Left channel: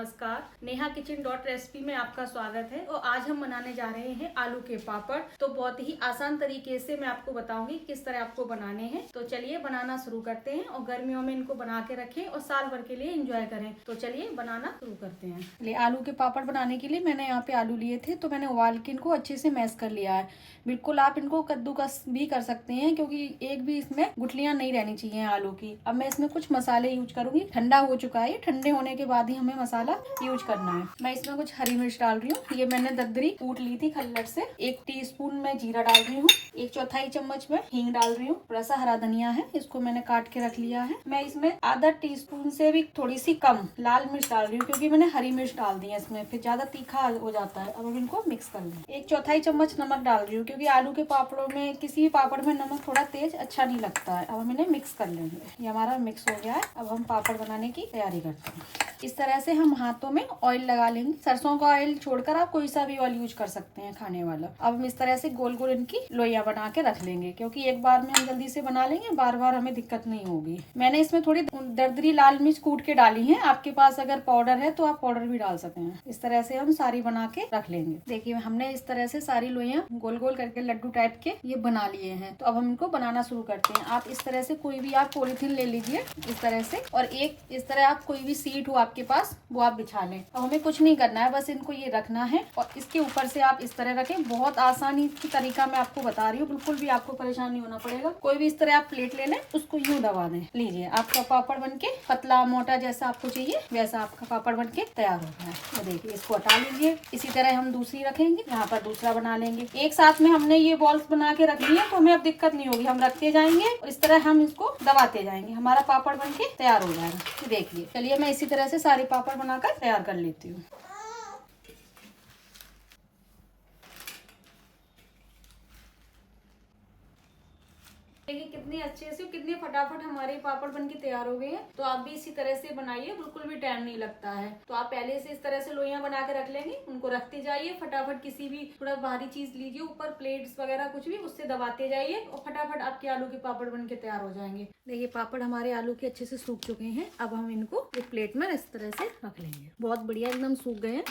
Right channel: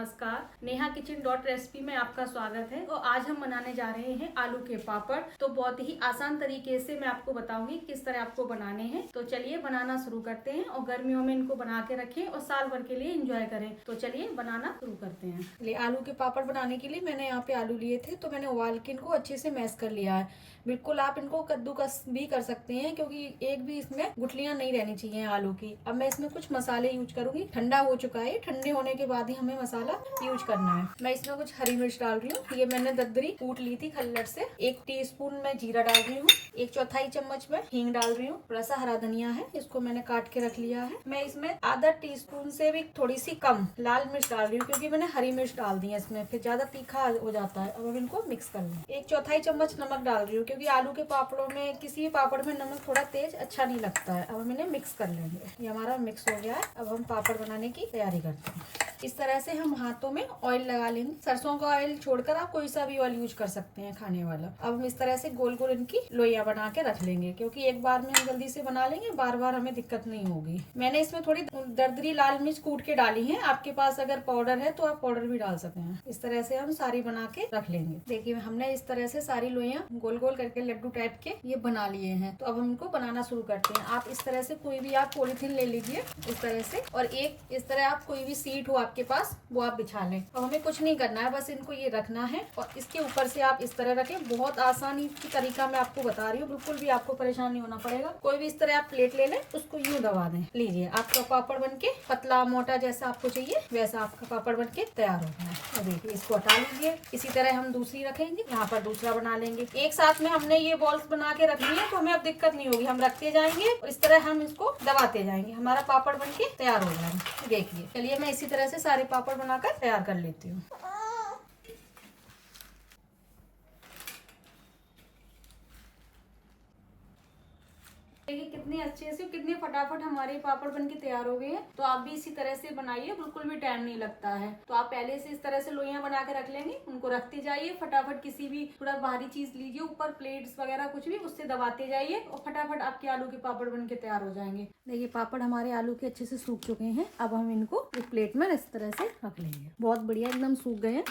नमस्कार। Neha kitchen dot recipe में आपका स्वागत है। और आज हम बनाने जा रहे हैं आलू के पापड़। तो बहुत ही आसान तरीके से मैं आपको बताऊंगी किस तरह आपको बनाने हैं। तो चलिए बनाना शुरू करते हैं और गर्मियों में इनको बना के रखें और साल भर के लिए एंजॉय करें। तो चलिए बनाना शुरू करते हैं। चलिए आलू के पापड़ बनाने के लिए मैंने यहाँ पे आलू लिए थे, तो मैंने उबाल के इनको अच्छे से मैश कर लिया है। बिल्कुल आप इनको कद्दूकस भी कर सकते हैं, क्योंकि एक भी इसमें गुठलियां नहीं रहनी चाहिए आलू की। अब मैं इसमें कुछ मसाले यूज करूंगी। ठंडा हो चुका है, ठंडे होने के बाद ही हमें मसाला यूज करना है। मैं इसमें कुछ हरी मिर्च डाल रही हूँ। ये मैंने दद्दरी कूट ली थी खल्लड़ से। 1 टीस्पून मैं जीरा डाल रही हूँ। 1/4 चम्मच में हींग डाल रही हूँ। थोड़ा सा हरा धनिया है, इसको मैंने काट के रख लिया है। मैं इसमें आधा टीस्पून से भी थोड़ी सी कम लाल मिर्च डाल रही हूँ, क्योंकि मैंने हरी मिर्च डाल दी है इसमें, फिर ज्यादा तीखा हो जाता है। अब हम इनको मिक्स कर लेंगे। 1/4 चम्मच नमक डाल रही हूँ, क्योंकि आलू के पापड़ों में किसी भी पापड़ में नमक थोड़ा तेज अच्छा नहीं लगता है। अब हम इन्हें मिक्स कर लेंगे। ये हमारा मिक्स हो गया है। अब हम पापड़ बनाने की तैयारी करते हैं। इस तरह से हम हाथों में ऑयल लगा लेंगे। सरसों का ऑयल छोड़कर आप कोई सा भी ऑयल यूज कर सकते हैं खाने वाला। अब हम इस तरह से गोल गोल इनकी लोइयां बना के रख लेंगे, क्योंकि एक बार में हम जल्दी से बना लेंगे, बार बार हमें दिक्कत नहीं होगी। मैंने इसमें थोड़ी दरदरी लाल मिर्च कूट के डाली है। आपके पास अगर पाउडर है तो आप पाउडर भी डाल सकते हैं। इस तरह से हम सारी बना के रख लेंगे। देखिए हमने इस तरह से सारी लोइयां गोल गोल करके लड्डू टाइप के ये बना लिए हैं। तो अब हम इनको बनाना शुरू करते हैं। आप इस तरह से कोई भी आप पॉलिथीन ले लीजिए इस तरह से, और एक इस तरह आप कोई भी सीट हो आपके पास वो आप बिछा लें। और हमें कुछ नहीं करना है, बस इनको ये रखना है और इसके ऊपर से आप इस तरह रखें। बहुत आसानी की तरीका मैं आपको बता रही हूँ, बिल्कुल भी आपको परेशान नहीं होना पड़ेगा। कोई भी इस तरह आप प्लेट ले लें, उसको यूं दबा दें। लीजिए आपका पापड़ बनके पतला मोटा जैसा आपको चाहिए वैसा आपका पापड़ बनके तैयार हो गया है। देखिए इसको हटा लीजिए। इसी तरह हम दूसरी रखेंगे, यहाँ पर दूसरा बना लेंगे। एक साथ में हमने ये बॉल्स बना के रख लिया, तो हमें अब दिक्कत नहीं होगी। हम रखते जाएंगे और इस तरह हम इसको दबाते जाएंगे। हमारा पापड़ बनके तैयार हो जाएगा। देखिए चलिए मैं इसी तरह से सारे पापड़ बनाकर तैयार कर लेती हूँ। देखिए कितने अच्छे से कितने फटाफट हमारे पापड़ बनके तैयार हो गए हैं। तो आप भी इसी तरह से बनाइए, बिल्कुल भी टाइम नहीं लगता है। तो आप पहले से इस तरह से लोइयां बना के रख लेंगे, उनको रखते जाइए। फटाफट किसी भी थोड़ा भारी चीज लीजिए ऊपर, प्लेट्स वगैरह कुछ भी, उससे दबाते जाइए और फटाफट आपके आलू के पापड़ बनके तैयार हो जाएंगे। देखिए पापड़ हमारे आलू के अच्छे से सूख चुके हैं। अब हम इनको एक प्लेट में इस तरह से रख लेंगे। बहुत बढ़िया एकदम सूख गए हैं।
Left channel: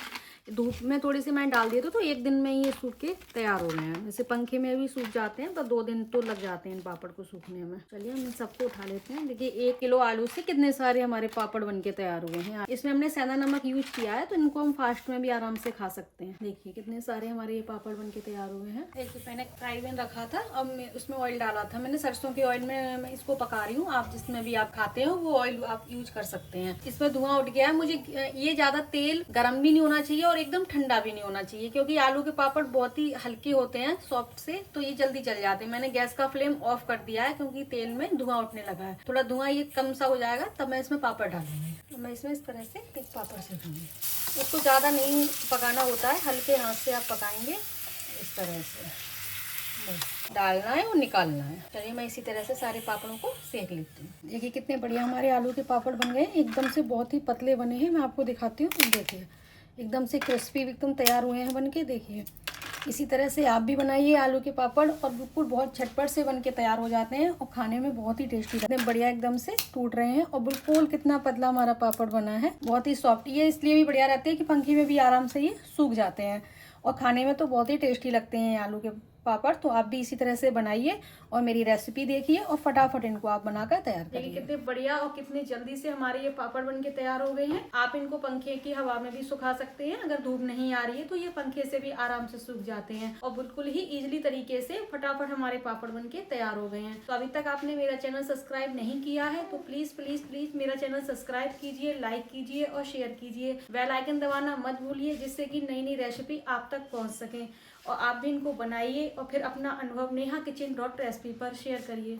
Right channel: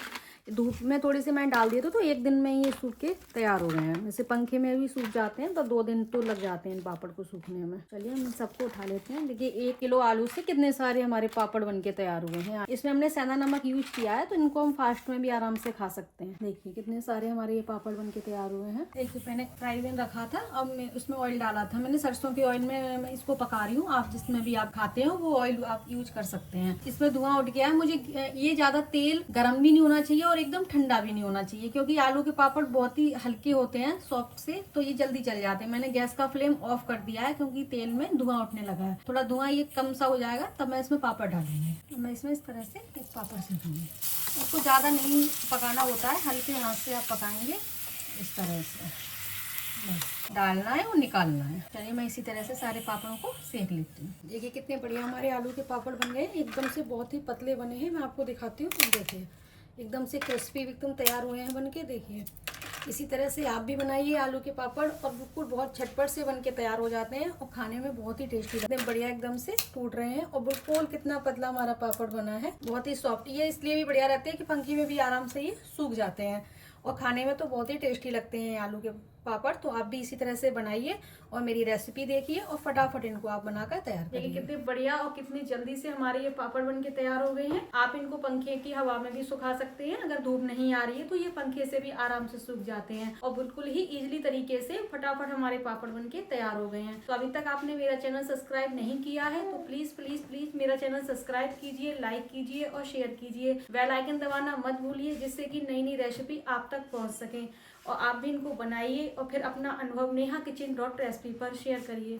धूप में थोड़ी सी मैं डाल दिए तो 1 दिन में ये सूख के तैयार हो गए हैं। वैसे पंखे में भी सूख जाते हैं तो 2 दिन तो लग जाते हैं इन पापड़ को सूखने में। चलिए हम सबको उठा लेते हैं। देखिए 1 किलो आलू से कितने सारे हमारे पापड़ बनके तैयार हुए हैं। इसमें हमने सेंधा नमक यूज किया है, तो इनको हम फास्ट में भी आराम से खा सकते हैं। देखिए कितने सारे हमारे ये पापड़ बनके तैयार हुए हैं। देखिए मैंने फ्राई पैन रखा था, अब मैं उसमें ऑयल डाला था। मैंने सरसों की ऑयल में इसको पका रही हूँ। आप जिसमें भी आप खाते हो वो ऑयल आप यूज कर सकते हैं। इसमें धुआं उठ गया है। मुझे ये ज्यादा तेल गर्म भी नहीं होना चाहिए और एकदम ठंडा भी नहीं होना चाहिए, क्योंकि आलू के पापड़ बहुत ही हल्के होते हैं सॉफ्ट से, तो ये जल्दी जल जाते हैं। मैंने गैस का फ्लेम ऑफ कर दिया है, क्योंकि तेल में धुआं उठने लगा है। थोड़ा धुआं ये कम सा हो जाएगा तब मैं इसमें पापड़ डालूंगी। तो मैं इसमें इस तरह से एक पापड़ से दूंगी। उसको ज्यादा नहीं पकाना होता है, हल्के हाथ से आप पकाएंगे इस तरह से। डालना है और निकालना है। चलिए मैं इसी तरह से सारे पापड़ों को सेक लेती हूँ। देखिए कितने बढ़िया हमारे आलू के पापड़ बन गए। एकदम से बहुत ही पतले बने हैं। मैं आपको दिखाती हूँ। देखिए एकदम से क्रिस्पी एकदम तैयार हुए हैं बनके। देखिए इसी तरह से आप भी बनाइए आलू के पापड़, और बिल्कुल बहुत झटपट से बनके तैयार हो जाते हैं और खाने में बहुत ही टेस्टी लगते हैं। बढ़िया एकदम से टूट रहे हैं और बिल्कुल कितना पतला हमारा पापड़ बना है, बहुत ही सॉफ्ट। ये इसलिए भी बढ़िया रहते हैं कि पंखी में भी आराम से ये सूख जाते हैं और खाने में तो बहुत ही टेस्टी लगते हैं आलू के पापड़। तो आप भी इसी तरह से बनाइए और मेरी रेसिपी देखिए और फटाफट इनको आप बनाकर तैयार करिए। देखिए कितने बढ़िया और कितनी जल्दी से हमारे ये पापड़ बनके तैयार हो गए हैं। आप इनको पंखे की हवा में भी सुखा सकते हैं। अगर धूप नहीं आ रही है तो ये पंखे से भी आराम से सूख जाते हैं और बिल्कुल ही इजीली तरीके से फटाफट हमारे पापड़ बनके तैयार हो गए हैं। तो अभी तक आपने मेरा चैनल सब्सक्राइब नहीं किया है तो प्लीज प्लीज प्लीज मेरा चैनल सब्सक्राइब कीजिए, लाइक कीजिए और शेयर कीजिए। बेल आइकन दबाना मत भूलिए, जिससे कि नई नई रेसिपी आप तक पहुंच सके। और आप भी इनको बनाइए और फिर अपना अनुभव नेहा किचन डॉट रेसिपी पर शेयर करिए।